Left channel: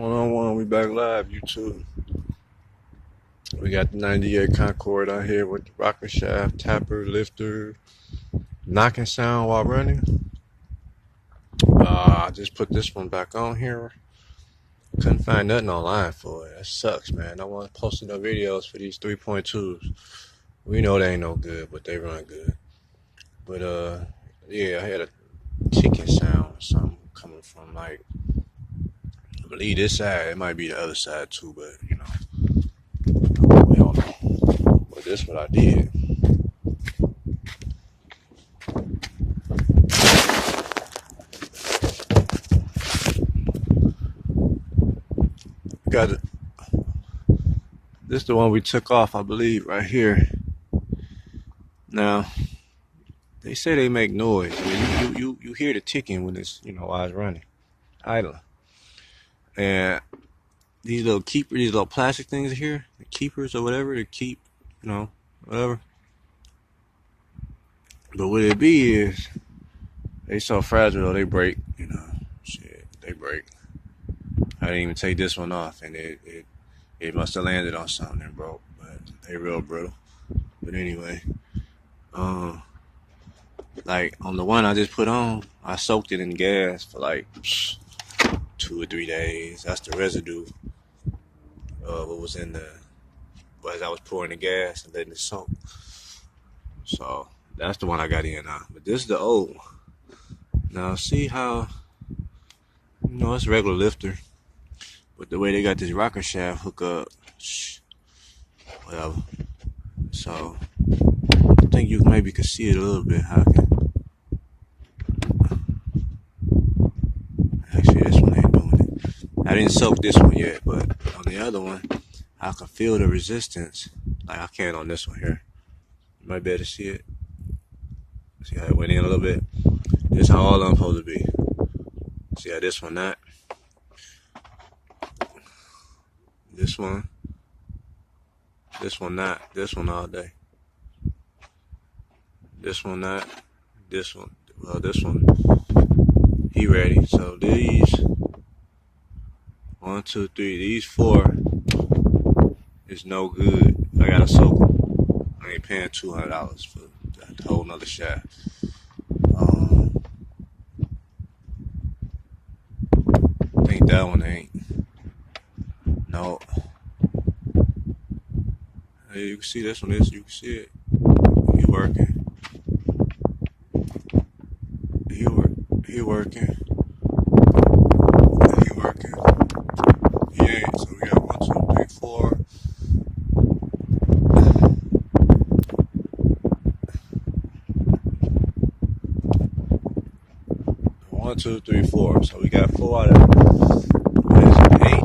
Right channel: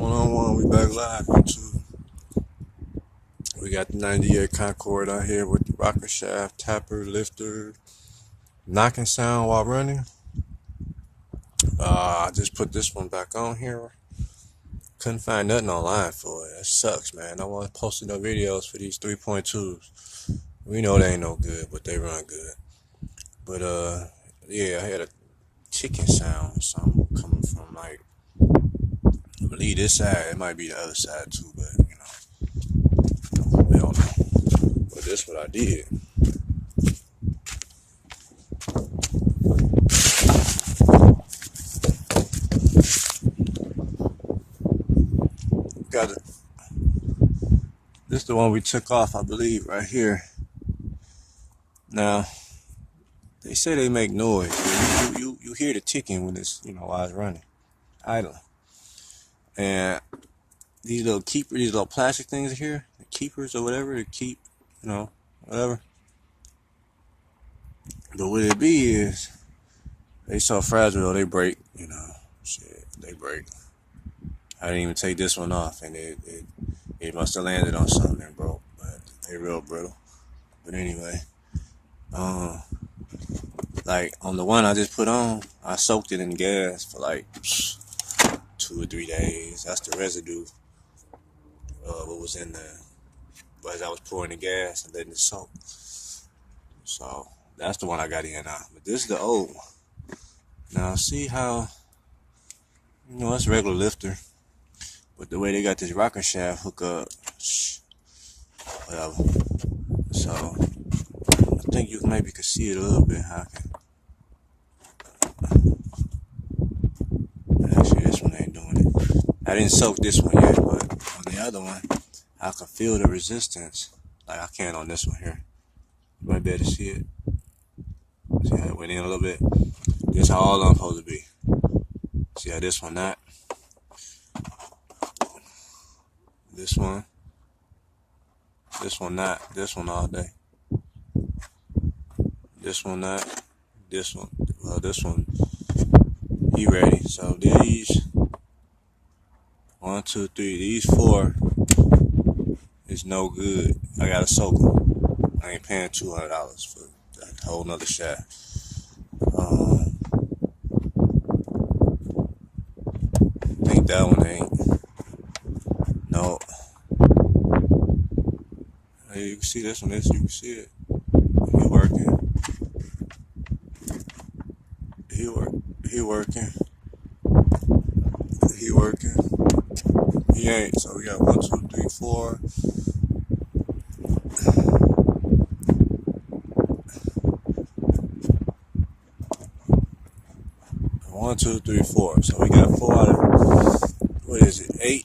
One-on-one, we back live, YouTube. We got the 98 Concord out here with the rocker shaft, tapper, lifter, knocking sound while running. I just put this one back on here. Couldn't find nothing online for it. That sucks, man. I want to post no videos for these 3.2s. We know they ain't no good, but they run good. But yeah, I had a chicken sound or something coming from I believe this side. It might be the other side too, but we don't know. But that's what I did. Got it. This is the one we took off, I believe, right here. Now, they say they make noise. I mean, you hear the ticking when it's, while it's running, idling. And these little plastic things here, the keepers or whatever, to keep, whatever. But what it be is, they so fragile though, they break, shit, they break. I didn't even take this one off, and it must have landed on something and broke, but they real brittle. But anyway, like on the one I just put on, I soaked it in gas for like 2 or 3 days. That's the residue what was in as I was pouring the gas and letting it soak. So that's the one I got in now. But this is the old one. Now see how, it's a regular lifter, but the way they got this rocker shaft hook up, whatever. So I think you maybe could see it a little bit. Actually, this one ain't doing it. I didn't soak this one yet, but on the other one, I can feel the resistance. Like I can on this one here. You might be able to see it. See how it went in a little bit? This is how all I'm supposed to be. See how this one not? This one not. This one all day. This one not. This one. Well, this one, he ready. So these 1, 2, 3. These 4 is no good. I gotta soak them. I ain't paying $200 for that whole nother shaft. I think that one ain't. No. Hey, you can see this one. You can see it. He working. He working. He working. He ain't. So we got 1, 2, 3, 4. 1, 2, 3, 4. So we got 4 out of, what is it, 8,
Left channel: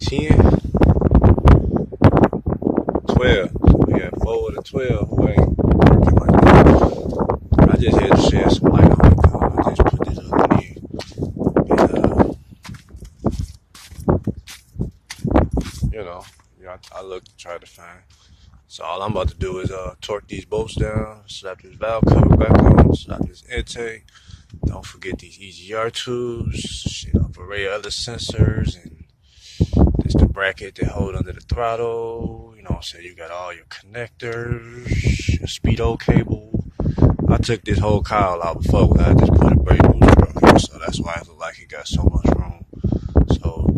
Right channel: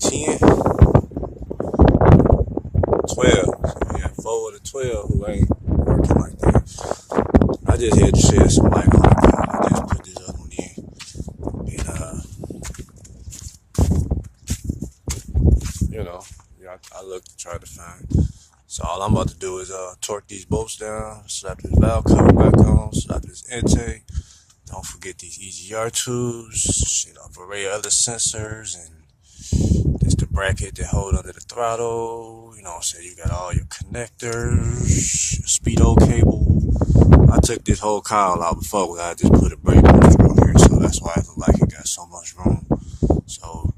10, 12. So we got 4 out of 12 who ain't working like that. I just had to shed some light on it. I just put this other one in. And, I looked to try to find. So all I'm about to do is torque these bolts down, slap this valve cover back on, slap this intake. Don't forget these EGR tubes, array of other sensors, and this the bracket that hold under the throttle. So you got all your connectors, your speedo cable. I took this whole cowl out before, but I just put a brake booster on here, so that's why it look like it got so much room. So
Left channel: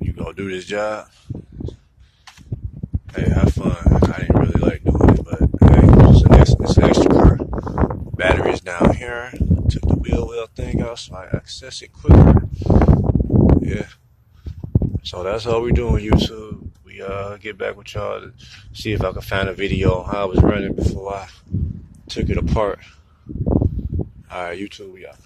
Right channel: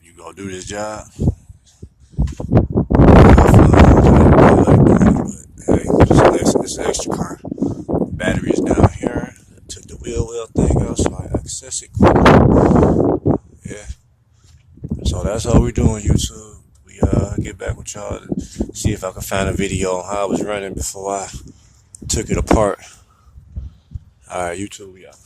you go do this job. It's an extra car. Battery is down here. Took the wheel thing out so I access it quick. Yeah. So that's how we doing, YouTube. We get back with y'all to see if I can find a video on how I was running before I took it apart. Alright, YouTube, we out.